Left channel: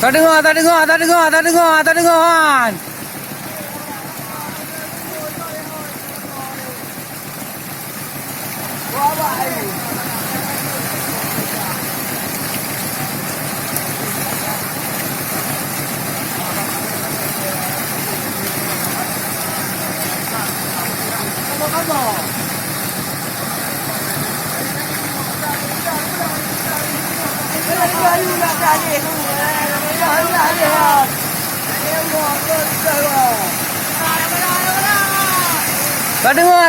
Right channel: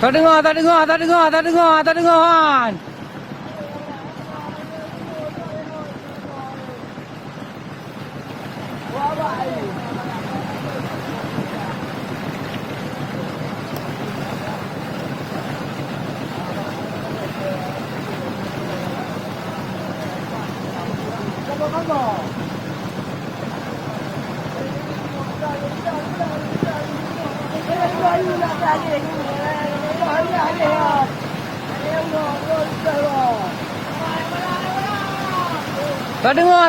Tak dengar, tak dengar, tak dengar, tak dengar, tak dengar kan.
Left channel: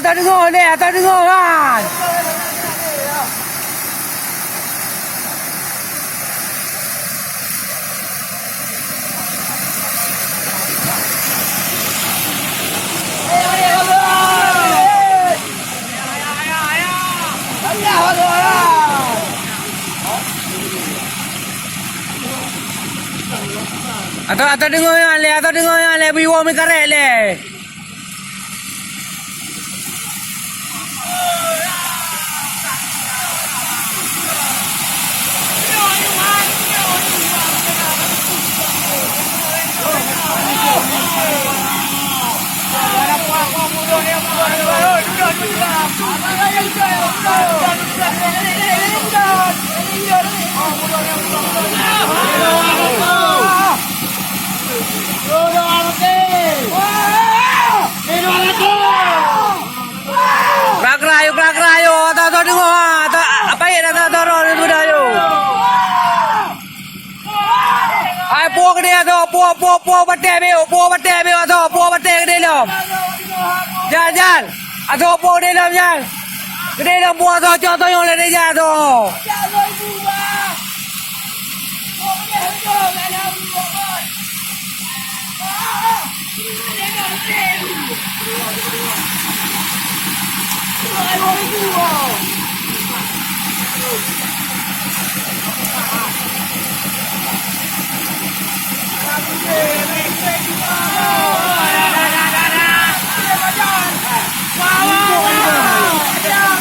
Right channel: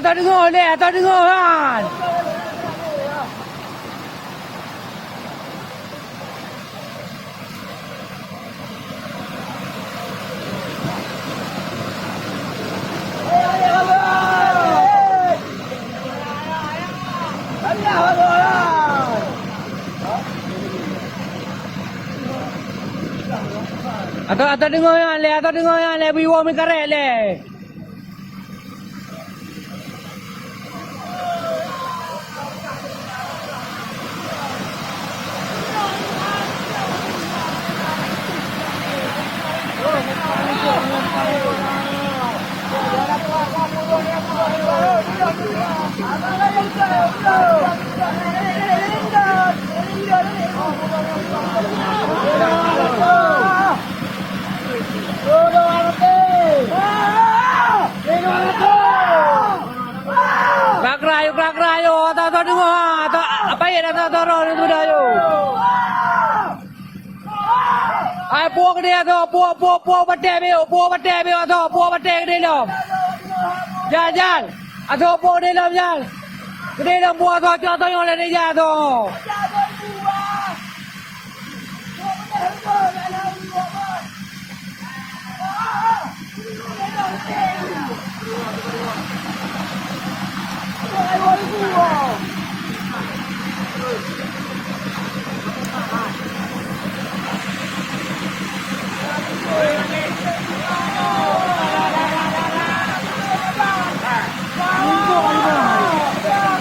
Tak dengar leh, tak dengar kan. Atau dengar yang leh, atau dengar yang leh, biwa mi karet leh. Kerak-kerayu, atau dengar, atau apa ya, atau roh itu dah yo. Ai puak dia tu, puak batai beo tu, puak batai ke dalam. Jangan, atau puak dalam jangan. Ke dalam puak tu, contoh yang ada dia tu.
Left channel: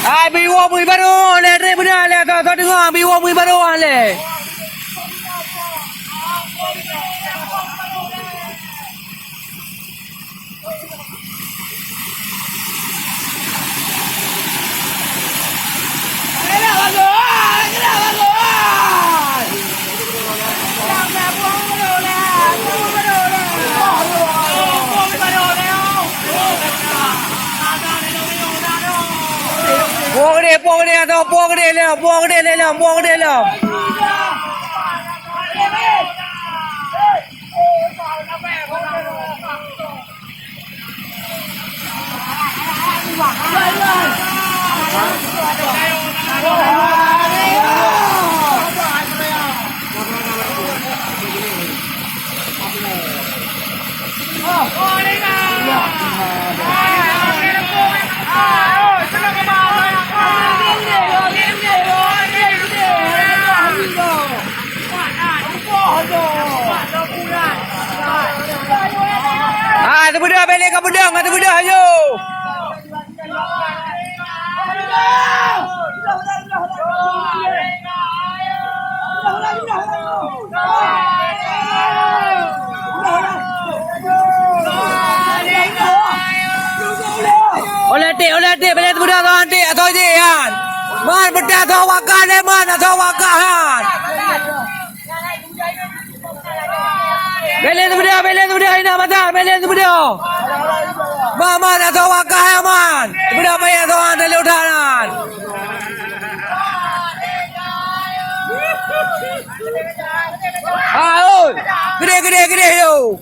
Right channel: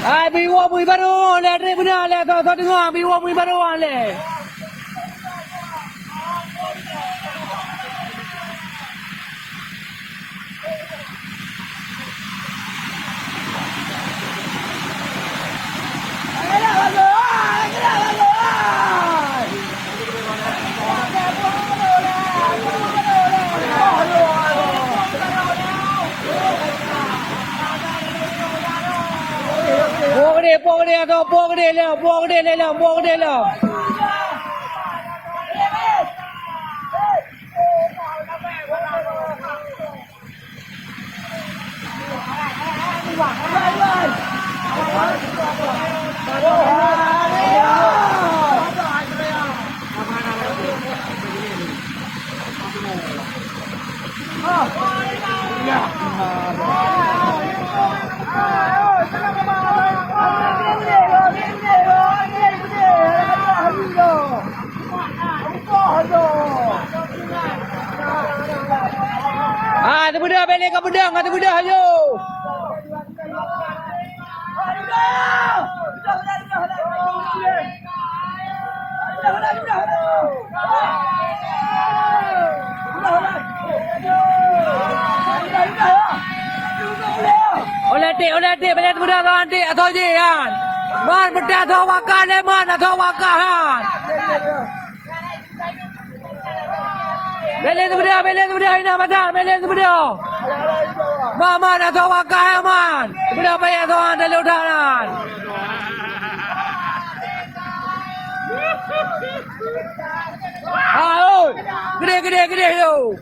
Ai biwa mui baru le re benar le tu dengar biwa mui baru le. Puak dia tu, puak dia le. Ah, tu budak balik ke pedang, tu budak ayo. Oleh tik balik tu budak tu antik atau je kan. Man bedak tu wakah le man atau wakah kan. Balik tu budak ini mata, balik tu budak. Man atau wakah ya man. Budak payah tu dari utaran. Ah, oi. Gede yo.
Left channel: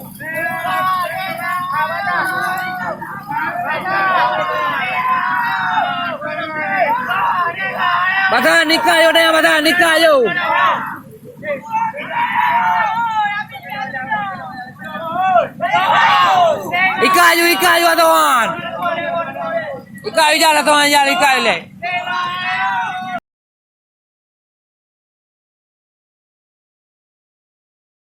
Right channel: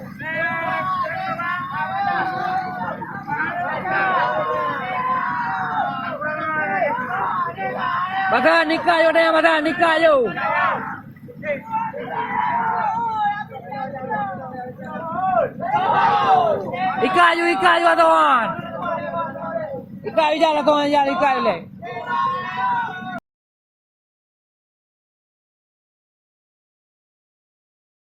Bata nikah yo dah, bata nikah yo. Ikayu tuan. Ikayu jalan tuan, jalan ikayu le.